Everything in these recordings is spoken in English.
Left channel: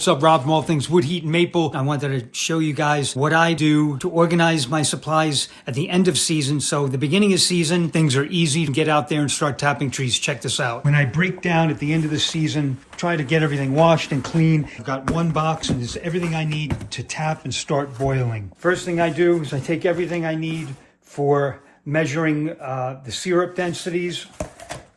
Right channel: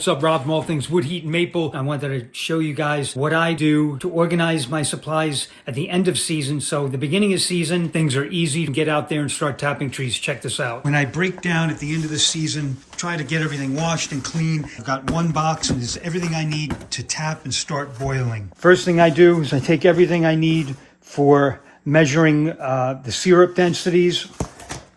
What's up, Rob from All Things Wood, Heat, and Maple. I wanted to show you guys what I do to organize my supplies at the end of season. So the beginning of season, things are easy to get out there and start tapping trees. Check this out. When I break down at the end of the season, try to get everything washed and clean. I've got one box and it's everything I need to tap and start boiling. First thing I do is I take everything I need for measuring the syrup densities.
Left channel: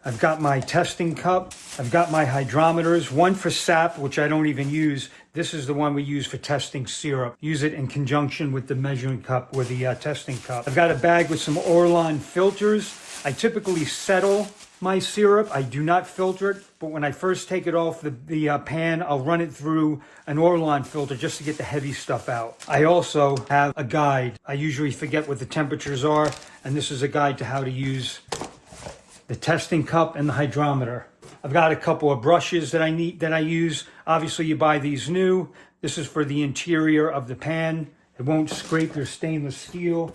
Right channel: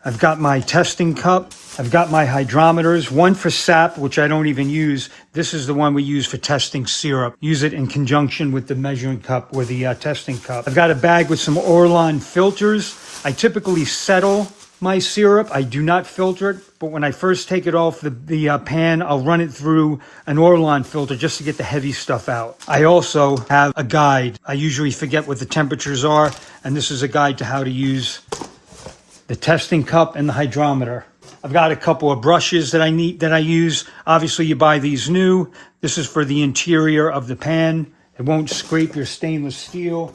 I've got my testing cup. I've got my hydrometers, one for sap, which I don't even use. This is the one we use for testing syrup. Use it in conjunction with the measuring cup or the testing cup. I've got a bag with some Orlon filters. I typically settle my syrup. I do not filter it, but when I first take it off the pan, I'll run it through an Orlon filter just to get the heavy stuff out. I also have a guide. I usually forget what the temperatures are, and this is a guide to how to use the testing cup and the hydrometer. I've got a couple of brushes that I use. Obviously, you buy these new. This is for the interior of the pan. It won't scrape your stainless steel.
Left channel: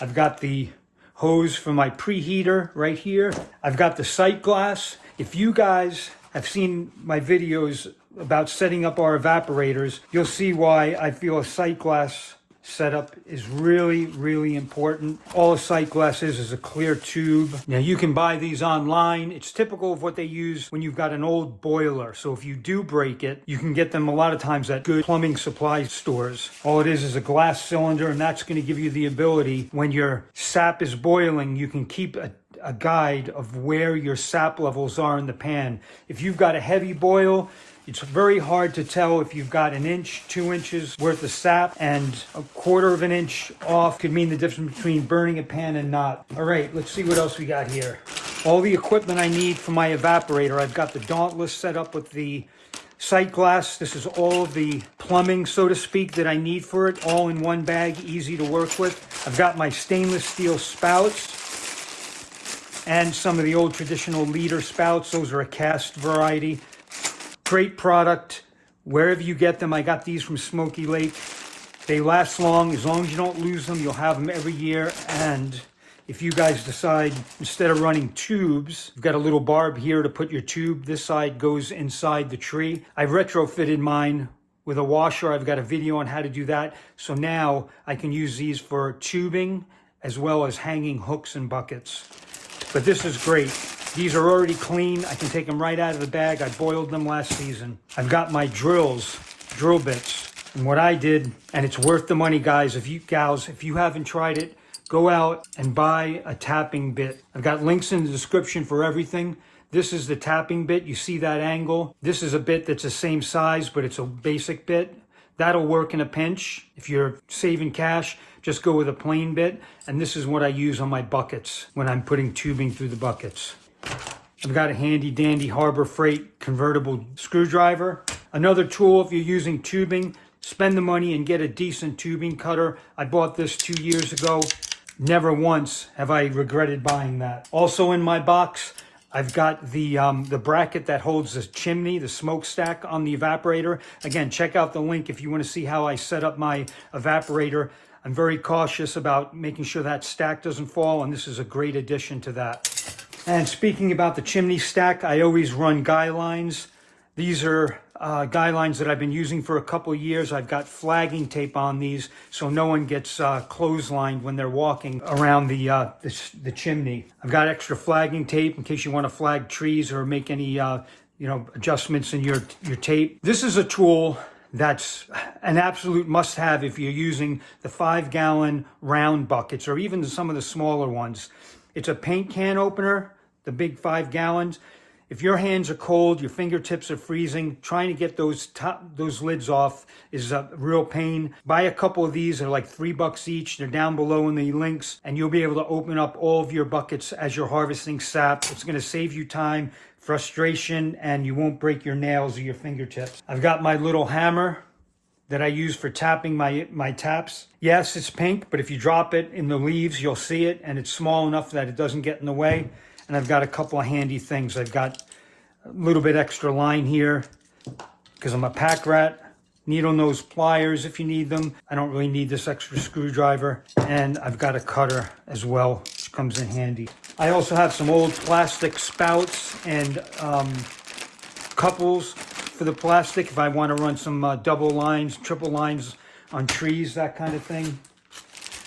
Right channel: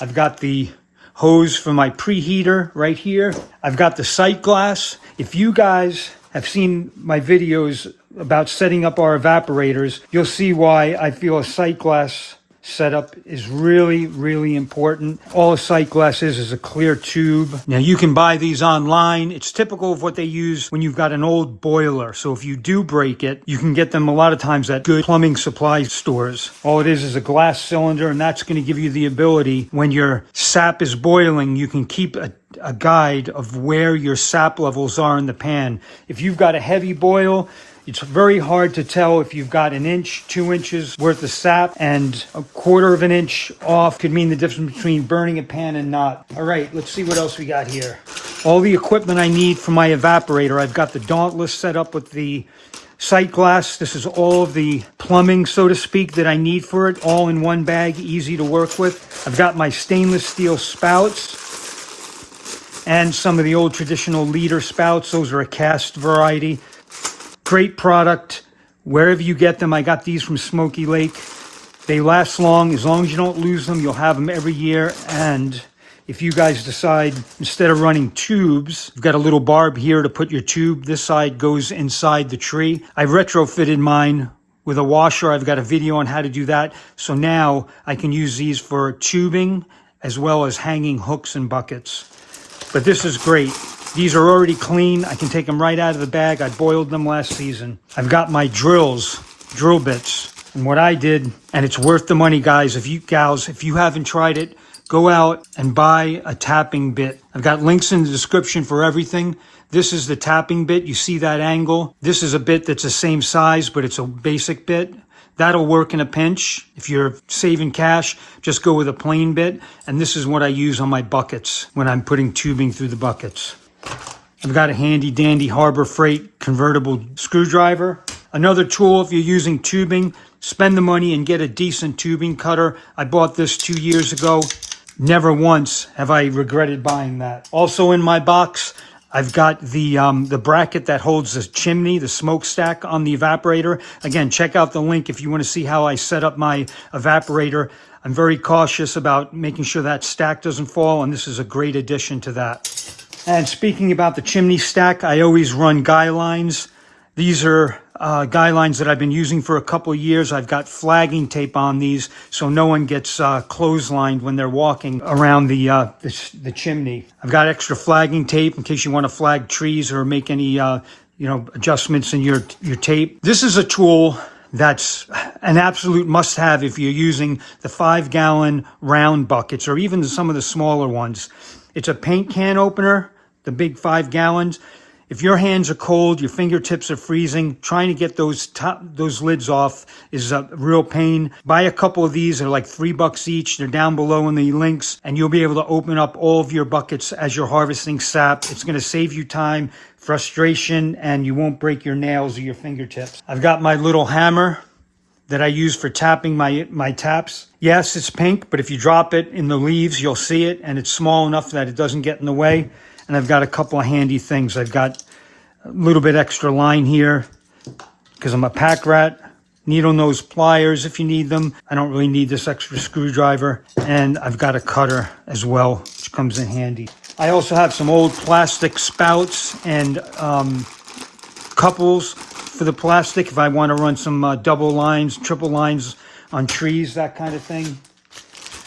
I've got the hose for my preheater right here. I've got the sight glass. If you guys have seen my videos about setting up our evaporators, you'll see why I feel a sight glass setup is really, really important. All a sight glass is a clear tube. Now you can buy these online. It's typical of what they use when you've got an old boiler. So if you do break it, you can get them a lot of times at good plumbing supply stores. All it is a glass cylinder, and that's going to give you the ability when your sap is boiling, you can keep a guide of where your sap levels are in the pan. If you've got a heavy boil, it's very hard to tell if you've got an inch, 2 inches worth of sap, and a quarter of an inch off could mean the difference between burning a pan and not. All right, let's see what else we got here. All the equipment I need for my evaporator. I've got the Dauntless set up with the sight glass. This is all of the plumbing, so to speak, that I need for it, all in one bag, easy to work with. I've got my stainless steel spouts and some of the old traditional liter spouts. Those are a cast variety. Great product wherever you get them. I got these from Smoky Lake. They last long. As long as you don't lose them, you'll have them every year. And if you guys decide, instead of running tubes, you've got a little barb here to put your tube. This side goes inside the tree. I retrofitted mine with a washer. I've got a video on how to do that. So now I can use these for tubing as well as hanging hooks and buckets. But this is great. These are already clean. I can take them right out of the bag. I boiled them last season. I've got my drill bits. And what I did, and it's worth the money, guys, if you haven't tried it, go out and buy a tapping bit. I've got links in the description for everything. This is the tapping bit. You see that angle? This is a bit that's the same size, but it's a basic bit. That'll work in a pinch. If you're saving cash, just go with a plain bit. And this is what I use on my buckets when I'm putting tubing through the buckets. I've got a handy dandy Harbor Freight convertible screwdriver. Another tool if you're using tubing, spend the money and get a decent tubing cutter. I bought this 2 years ago. Never once have I regretted buying that. Also in my box, I've got the bracket that holds the chimney, the smokestack on the evaporator. Again, check out the link if you want to see how I set up my evaporator. I'm very cautious about making sure that stack doesn't fall, and this is a great addition to that. And speaking about the chimney stack, I always run guy lines. These are guy lines that I've been using for a couple of years. I've got flagging tape on these so no one gets clotheslined when they're walking around the chimney. I've got extra flagging tape in case you want to flag trees or make any adjustments in your tape. This is a tool that's an absolute must-have if you're using the 5-gallon round buckets or even some of the smaller ones. It's a paint can opener, the big 5 gallons. If your hands are cold, your fingertips are freezing, trying to get those lids off is a real pain. Buy a couple of these. They're like $3 each. They're down below in the links, and you'll be able to open up all of your buckets as you're harvesting sap. It's going to save you time, frustration, and you won't break your nails or your fingertips. I've got my little hammer that I use for tapping my taps. Yes, it's pink, but if you drop it in the leaves, you'll see it, and it's small enough that it doesn't get in the way. And I've got a couple of handy things. I've got a little bit extra line here because I'm a pack rat. Needle nose pliers if you need them. I don't really need this extra screwdriver. And I've got a cutter as well, which comes in handy. I also have some old plastic spouts and couples for the plastic if I want to run some double lines, triple lines on trees, that kind of thing.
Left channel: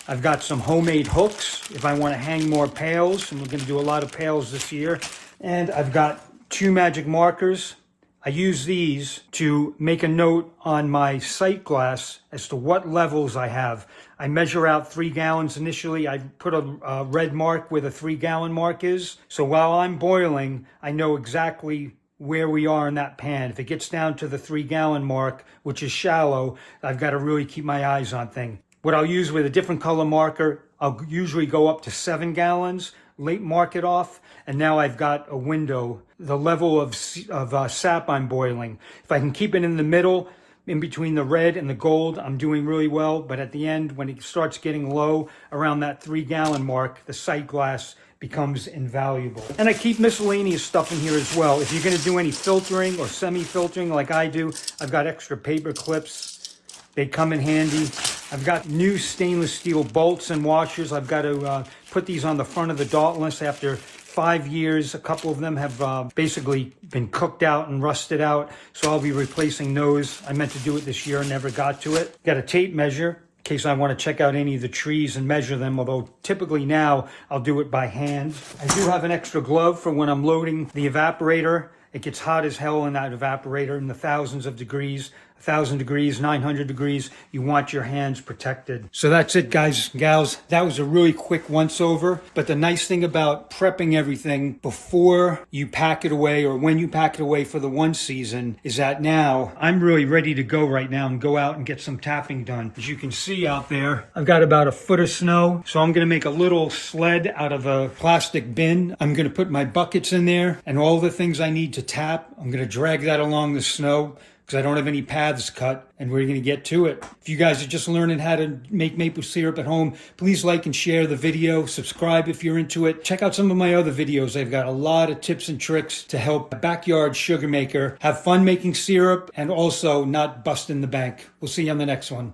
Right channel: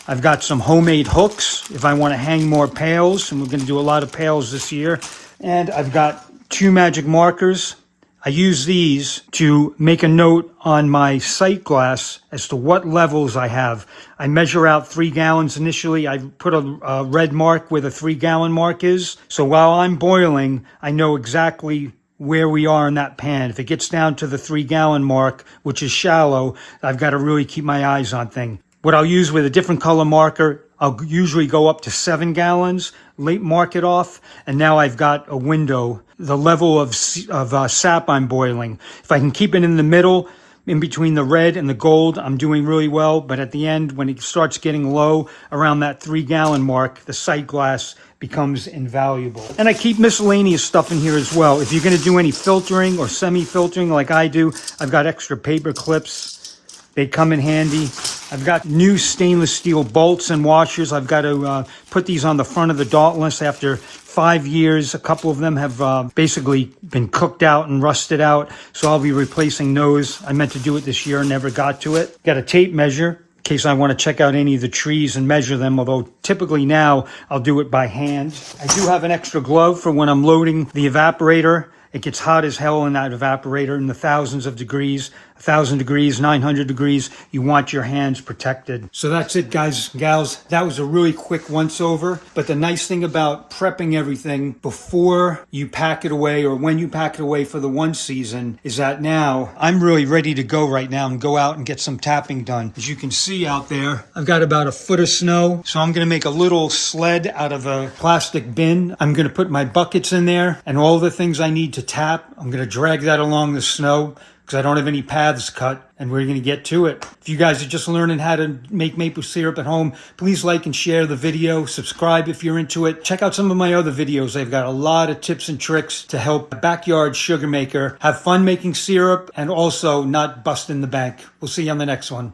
I've got some homemade hooks if I want to hang more pails, and we're going to do a lot of pails this year. And I've got 2 magic markers. I use these to make a note on my sight glass as to what levels I have. I measure out 3 gallons initially. I put a red mark where the 3-gallon mark is. So while I'm boiling, I know exactly where we are in that pan. If it gets down to the 3-gallon mark, which is shallow, I've got to really keep my eyes on things. What I'll use with a different color marker, I'll usually go up to 7 gallons, mark it off, and now I've got a window, the level of sap I'm boiling. If I can keep it in the middle, in between the red and the gold, I'm doing really well. But at the end, when it starts getting low, around that 3-gallon mark, the sight glass becomes invaluable. And I keep miscellaneous stuff in here as well. If you're gonna do any filtering or semi-filtering like I do, I've got extra paper clips. They come in handy. I've got new stainless steel bolts and washers. I've got to put these on the front of the Dauntless after 5 years. A couple of them have basically been cooked out and rusted out. So I'll be replacing those. I meant to do it this year, never got to it. Got a tape measure in case I want to check out any of the trees and measure them, although typically now I'll do it by hand. I do have an extra glove for when I'm loading the evaporator. It gets hot as hell in that evaporator in the thousands of degrees, 1,000 degrees, 900 degrees. You want your hands protected. So that's it, guys and gals. That was a really quick once over. But the nice thing about prepping everything before you pack it away or when you pack it away for the one season is that now I'm really ready to go right now and go out and get some tapping done. As you can see out there, I've got about a foot of snow. So I'm going to make a little sled out of a plastic bin. I'm going to put my buckets in there and all the things I need to tap. I'm going to drag that along the snow, because I don't have any paths cut, and we're going to get to it. If you guys are just learning how to make maple syrup at home, please like and share the video. Subscribe if you're into it. Check out some of my other videos. I've got a lot of tips and tricks to help a backyard sugar maker have fun making syrup and also not bust in the bank. We'll see you on the next one.